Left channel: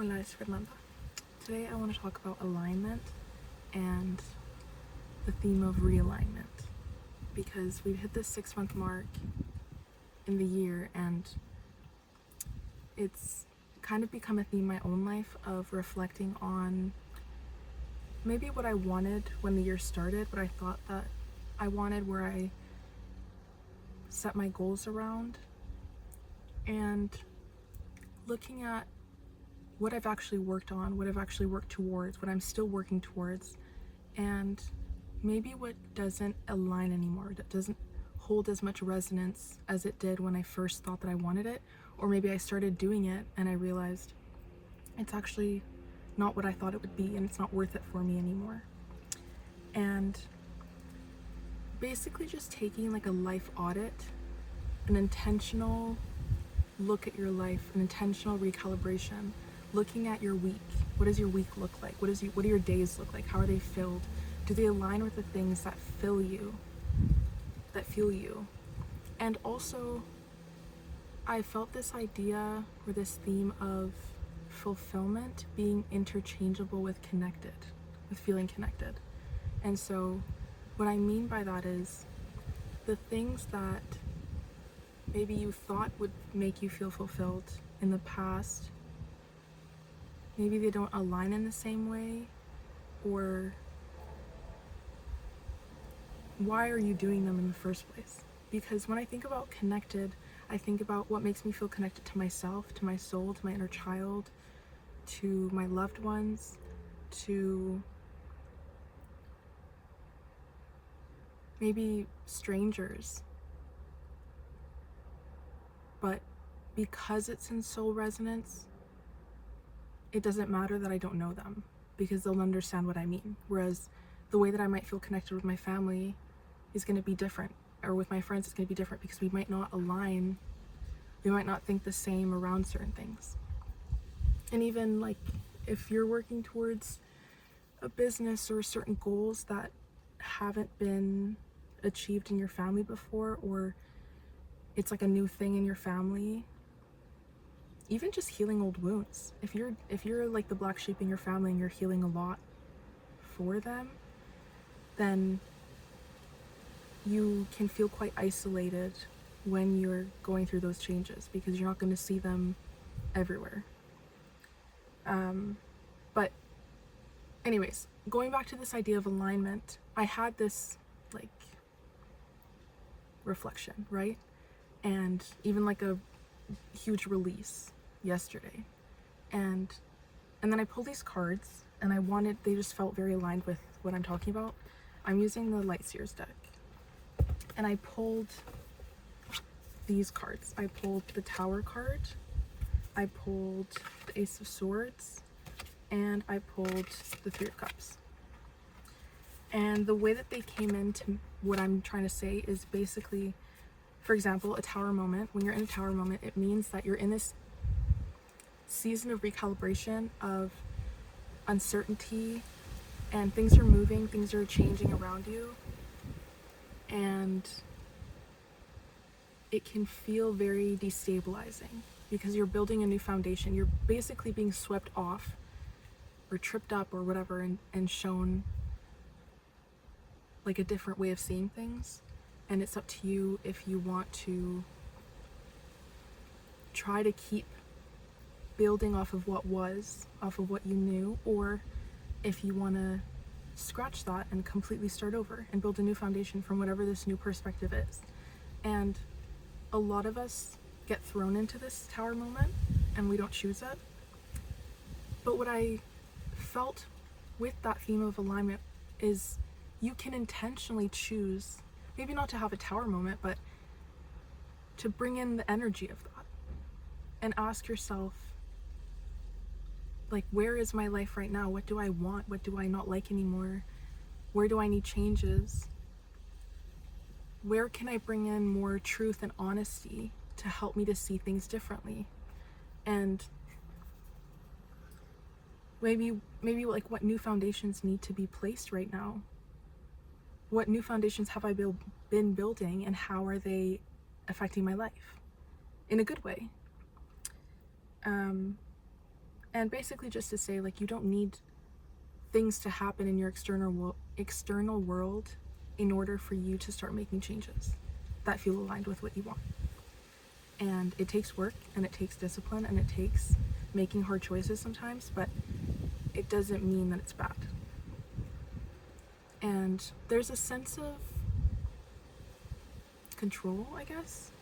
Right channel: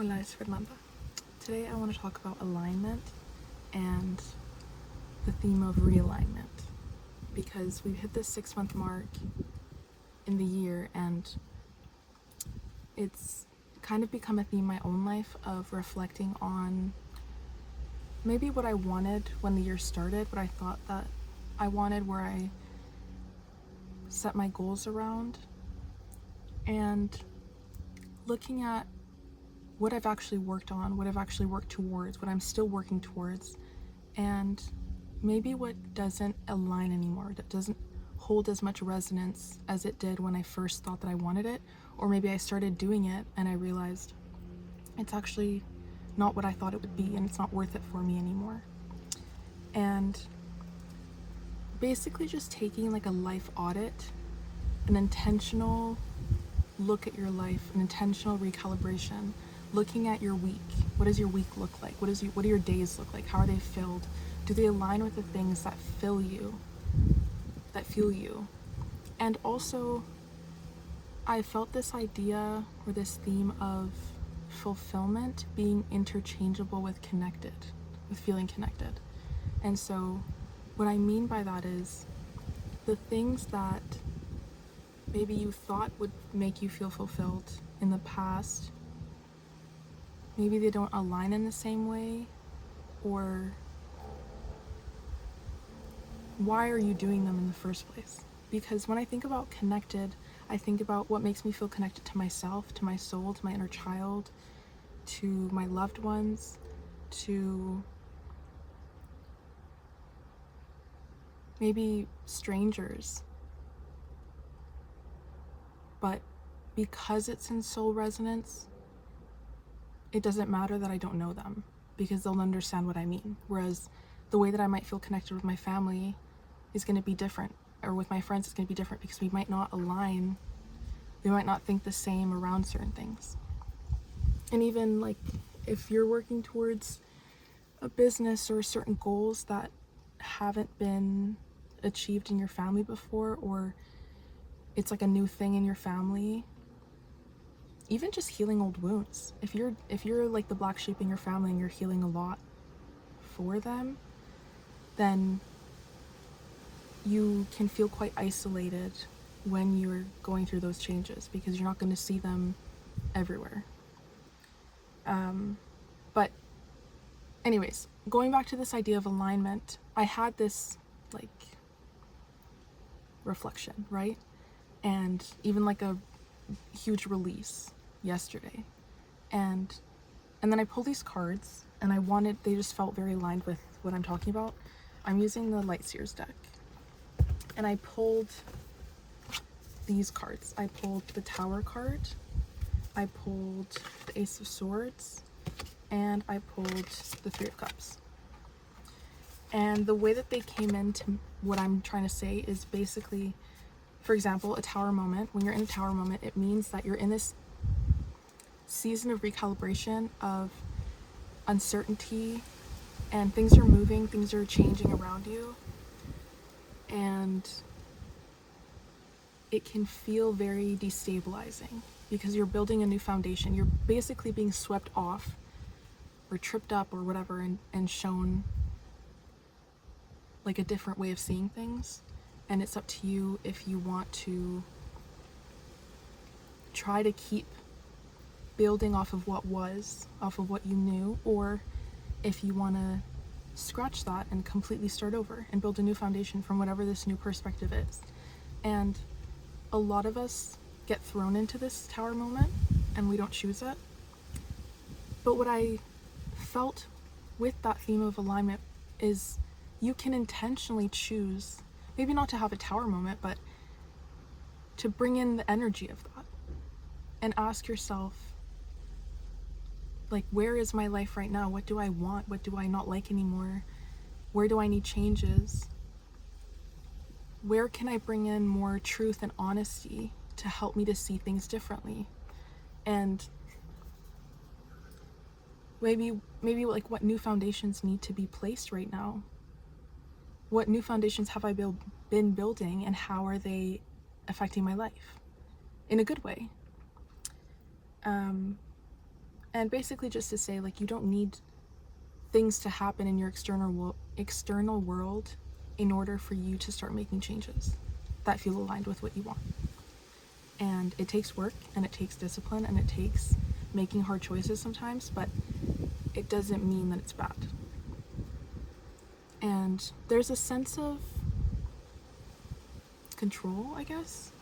Hola, it's Fernanda. Today I want to talk about alignment and the theme of realignment, because we've hit the 6-month mark in the year and it's kind of become a theme in my own life of reflecting on maybe what I wanted when the year started, what I thought that I wanted, where I set my goals around, and looking at what I've actually worked on, what I've actually worked towards, what I'm still working towards, and maybe what doesn't align anymore, that doesn't hold as much resonance as it did when I first thought that I wanted it, or maybe I started doing it and I realized it's actually not what I thought it would be and it's not worth it for me anymore. And basically just taking like a life audit, an intentional look at your life, an intentional recalibration, looking at your week. What does your week look like? What do your days look like? How are they filled? Do they align with the things that fill you, that fuel you? And also, I felt this idea or this theme of fulfillment being interchangeable with connected, with feeling connected. And so what I mean by that is the things that maybe you thought would make you feel fulfilled in the past, maybe they don't align in the same way, or why are you doing them in the first place? Because when I think about connected, I think about what makes me feel connected to myself, to my soul, to my inner child, to my loved ones, to maybe strangers. But because it's in soul resonance, it doesn't matter that I don't know them, because they'll understand what I mean. Whereas the way that I might feel connected with my family is going to be different, or with my friends it's going to be different, because we might not align, we might not think the same around certain things. And even like if you're working towards a business or certain goals that haven't been achieved in your family before, or it's like a new thing in your family, even just healing old wounds. If you're like the black sheep in your family and you're healing a lot for them, then you can feel quite isolated when you're going through those changes, because you're not going to see them everywhere. But anyways, going back to this idea of alignment, I had this like reflection, right? And even like a huge release yesterday. And then I pulled these cards and they just felt very aligned with what I'm talking about. I'm using the Lightseers deck. And I pulled these cards. I pulled the Tower card, I pulled the Ace of Swords, and I pulled the Three of Cups. And the way that they came into what I'm trying to say is basically, for example, a tower moment. When you're in a tower moment, it means that you're in this season of recalibration, of uncertainty, and things are moving, things are changing around you, and it can feel very destabilizing because you're building a new foundation. You're basically being swept off or tripped up or whatever, and shown like a different way of seeing things. And it's up to you if you want to try to keep building off of what was, off of what you knew, or if you want to scratch that and completely start over and build a new foundation from whatever this new perspective is. And a lot of us get thrown into this tower moment and we don't choose it. But what I felt with that theme of alignment is you can intentionally choose, maybe not to have a tower moment, but to bring in the energy of that and ask yourself, like, where is my life right now? What do I want? What do I not like anymore? Where do I need changes? Where can I bring in more truth and honesty to help me to see things differently? And maybe like what new foundations need to be placed right now? What new foundations have I been building, and how are they affecting my life in a good way? And basically just to say, like, you don't need things to happen in your external world in order for you to start making changes that feel aligned with what you want. And it takes work, and it takes discipline, and it takes making hard choices sometimes, but it doesn't mean that it's bad. And there's a sense of control, I guess,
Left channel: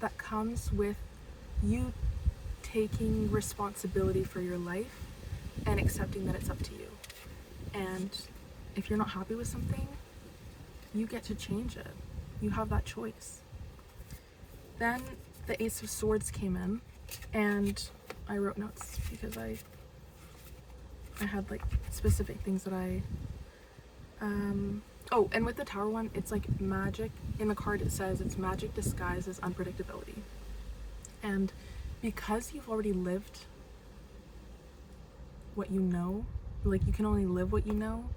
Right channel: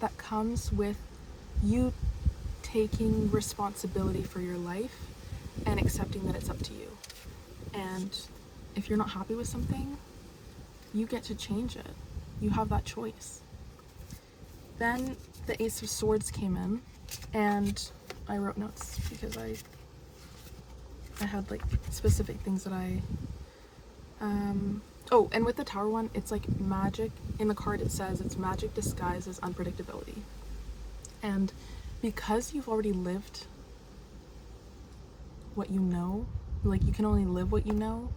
that comes with you taking responsibility for your life and accepting that it's up to you. And if you're not happy with something, you get to change it. You have that choice. Then the Ace of Swords came in, and I wrote notes because I had like specific things that oh, and with the Tower one, it's like magic. In the card it says it's magic disguised as unpredictability. And because you've already lived what you know, like you can only live what you know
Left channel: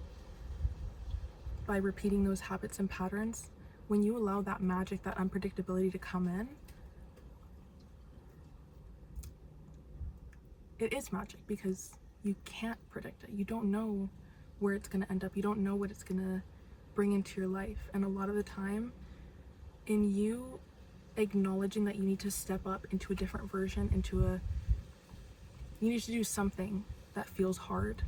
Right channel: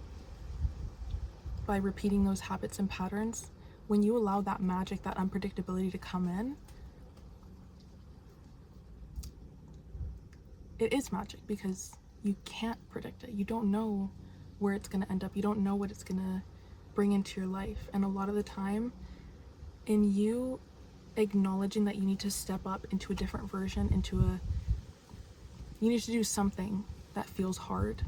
by repeating those habits and patterns, when you allow that magic, that unpredictability to come in, it is magic because you can't predict it. You don't know where it's going to end up. You don't know what it's going to bring into your life. And a lot of the time, in you acknowledging that you need to step up into a different version, you need to do something that feels hard,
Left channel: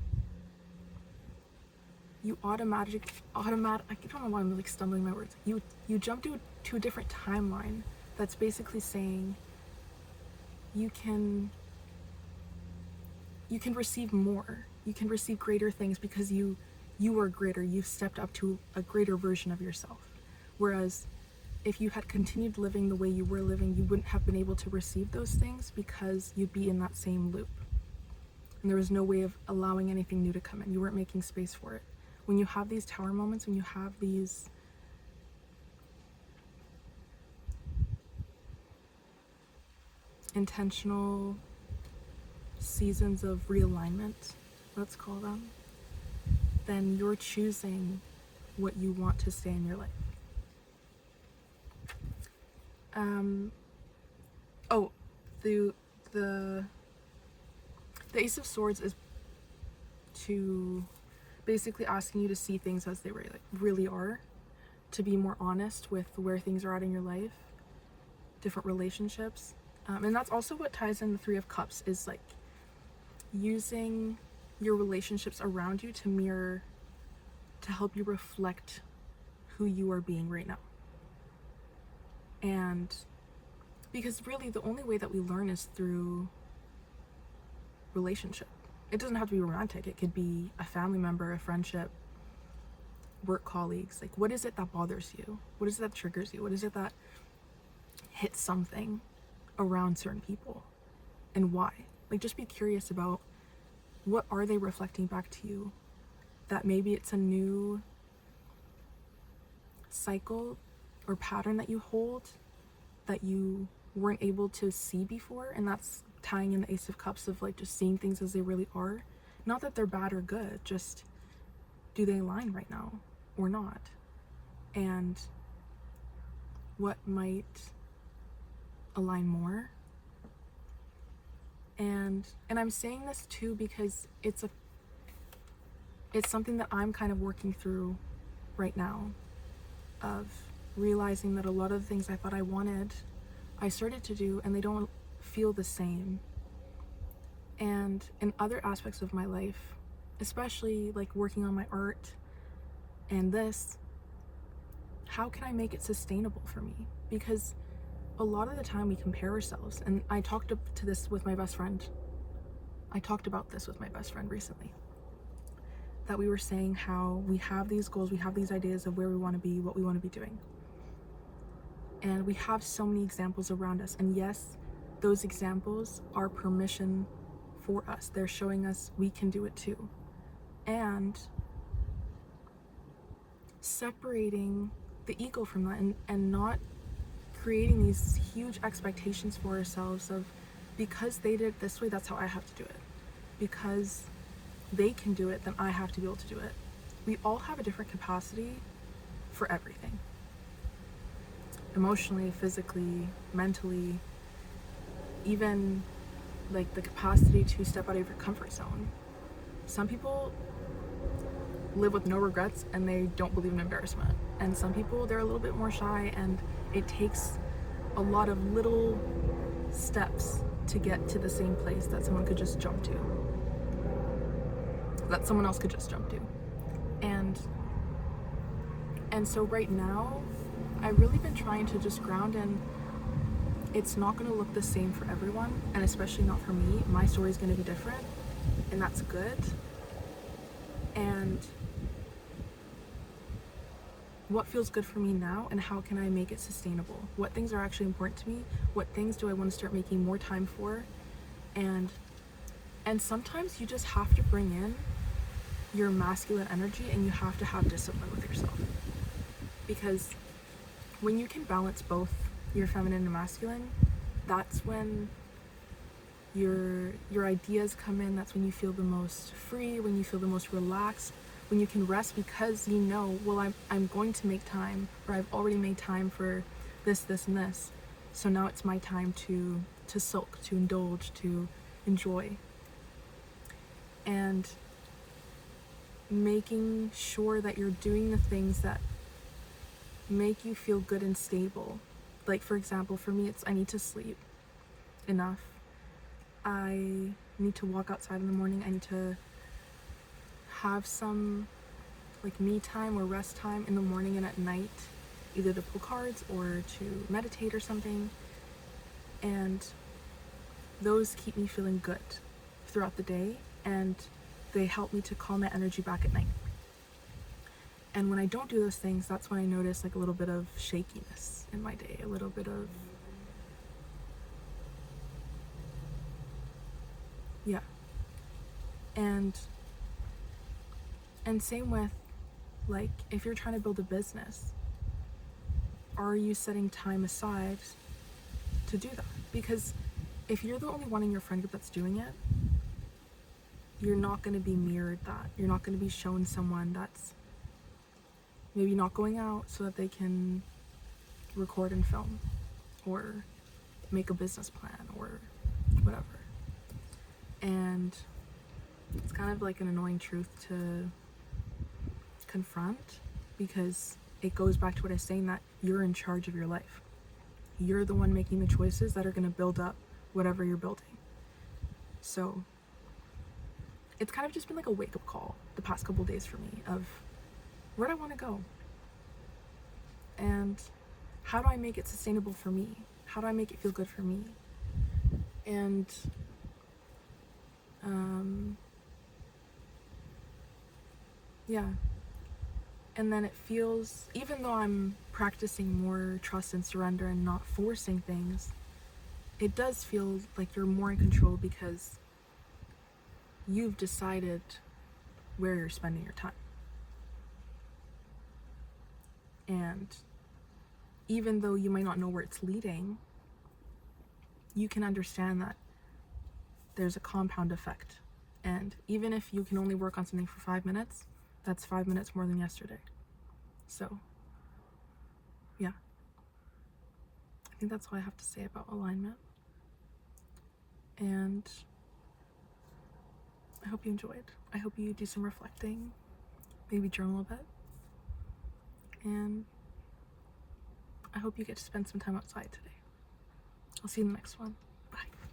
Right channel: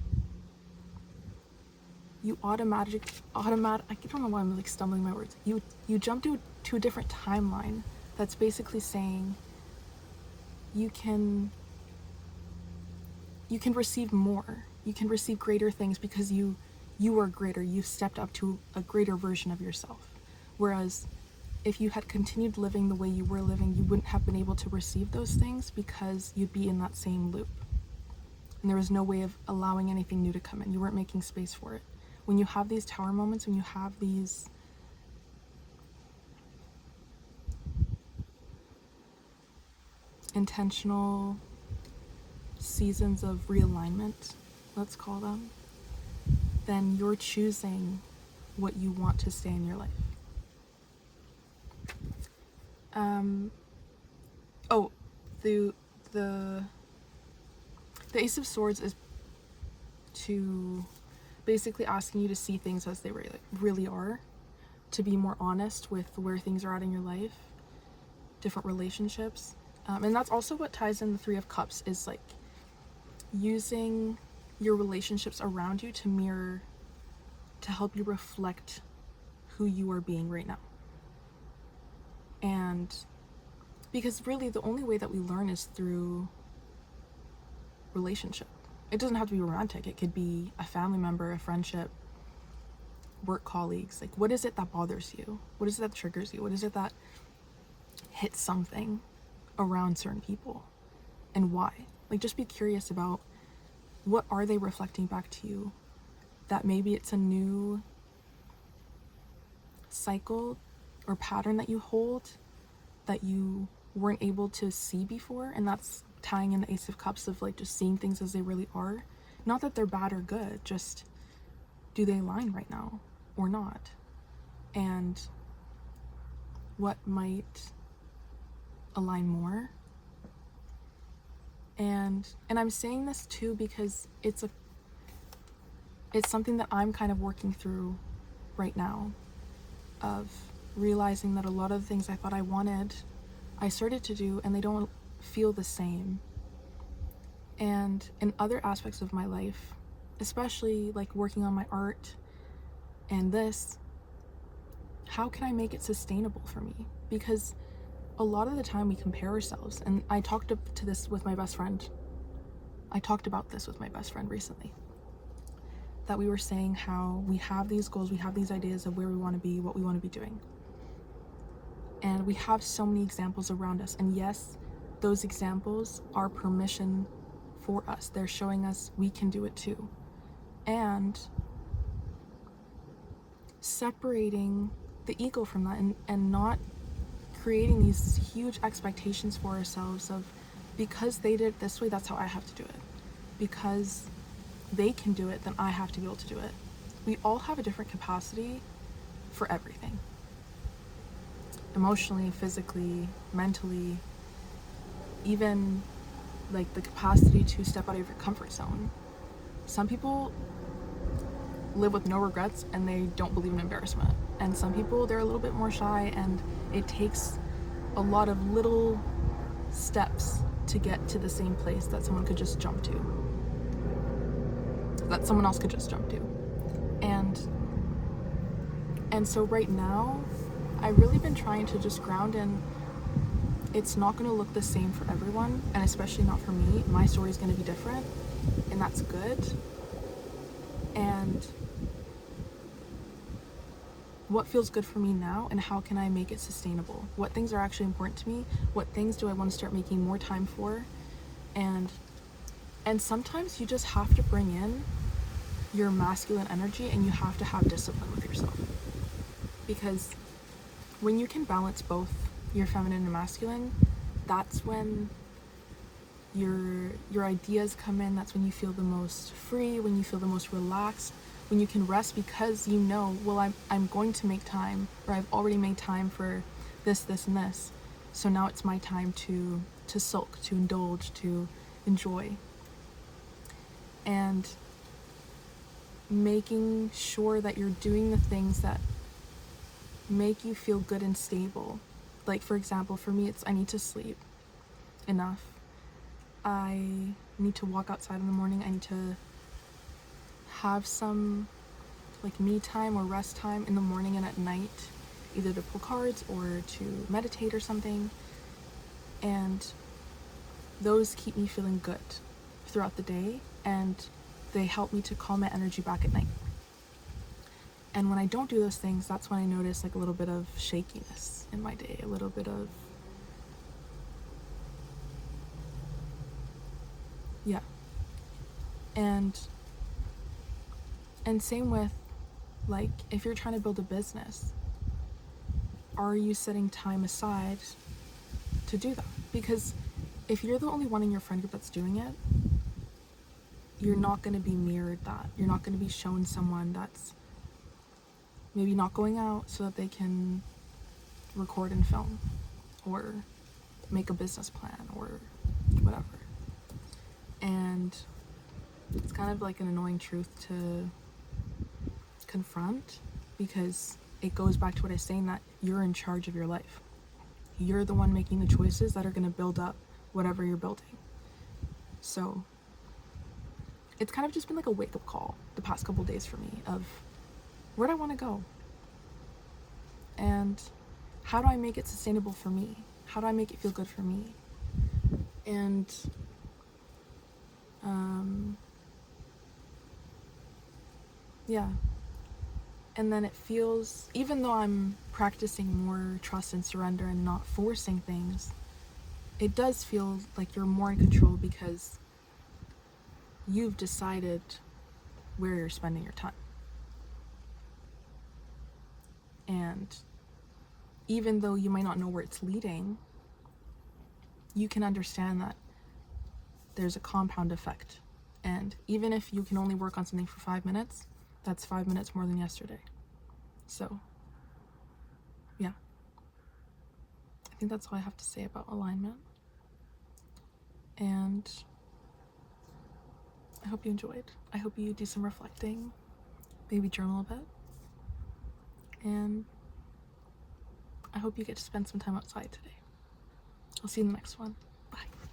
you automatic I don't know why I'm like stumbling my words. You jump to a different timeline that's basically saying you can receive more, you can receive greater things because you are greater, you've stepped up to a greater version of yourself. Whereas if you had continued living the way you were living, you wouldn't have been able to receive those things because you'd be in that same loop. And there was no way of allowing anything new to come in. You weren't making space for it. When you have these Tower moments, when you have these intentional seasons of realignment, let's call them, then you're choosing what you want to stay in your life. The Ace of Swords is to basically asking you to see things as they really are, to be more honest with where things are at in your life, different relationships. And that's also what ties in the Three of Cups, is like using your relationships around you to mirror, to help you reflect who you are being right now. And because really the only way that we learn is through relationship. It doesn't have to be romantic. It could be a family member, a friendship, work colleagues. Like, what is it that bothers you? What is it that triggers you? What is it that hits something around certain people, and why? Like, just be curious about what are they reflecting back to you, that maybe it's a new cycle or pattern that you hold that you weren't able to see before. And that's tying in the Ace of Cups, of like just seeing things as they really are. Not that they're bad or good, just do they align right now or not? And what might align more? And I'm saying this too because it's something that I'm kind of working through right now, of realizing that a lot of the things I thought I wanted, I started to do, and they don't feel the same. And in other aspects of my life, especially like working on my art and this, how can I make it sustainable for me? Because a lot of the time we compare ourselves, and I talked about this with my best friend recently, that we were saying how we have these goals, we have these ideas of where we want to be, what we want to be doing. And we have so many examples around us. And yes, those examples are permission for us. They're showing us we can do it too. And separating the ego from that, and not creating these huge expectations for ourselves of, because they did it this way, that's how I have to do it. Because they can do it, then I have to be able to do it. We all have a different capacity for everything. Emotionally, physically, mentally, even like the capacity to step out of your comfort zone. Some people live with no regrets and they don't believe in embarrassment. And some people, they're a little bit more shy, and it takes a lot of little steps to get to the same place that someone could just jump to. That someone else could just jump to. And so right now, I've really been trying to just ground in, it's not going to look the same for everyone, and especially not for me. My story is going to be different, and that's good. And what feels good for me now, and how can I make it sustainable? What things are actually important to me? What things do I want to start making more time for? And sometimes you just have to bring in your masculine energy, and you have to have discipline with yourself. Because when you can balance both your feminine and masculine, that's when your ideas come in. That's when you feel the most free, when you feel the most relaxed, when you can rest because you know, well, I'm going to make time, or I've already made time for this, and this. So now it's my time to sulk, to indulge, to enjoy. And making sure that you're doing the things that make you feel good and stable. Like, for example, for me, it's I need to sleep enough. I need to walk outside in the morning. I need to have some like me time or rest time in the morning and at night, either to pull cards or to meditate or something. And those keep me feeling good throughout the day, and they help me to calm my energy back at night. And when I don't do those things, that's when I notice like a little bit of shakiness in my day, a little bit of, yeah. And same with, like, if you're trying to build a business, are you setting time aside to do that? Because if you're the only one in your friend group that's doing it, you're not going to be mirrored that. You're not going to be shown someone that's maybe not going out so that they can record and film or make a business plan or whatever. And it's kind of like an annoying truth to confront, because it goes back to what I was saying, that you're in charge of your life. You're the one making the choices that are going to build up whatever you're building. So it's kind of just been like a wake-up call the past couple days for me of, where do I want to go? And how do I make it sustainable for me? How do I make it feel good for me? And yeah. And then it feels, even though I'm practicing more trust and surrender and not forcing things, it does feel like you're more in control because you've decided where you're spending your time. And even though you might not know where it's leading, you can understand that there's a compound effect. And even if you can only work on something for 5 minutes, that's 5 minutes more than yesterday. So, yeah. I think that's all I have to say about alignment. And I hope you enjoyed. I hope you do some reflecting, maybe journal a bit. And I hope you get to spend some time outside today. I'll see you in the next one.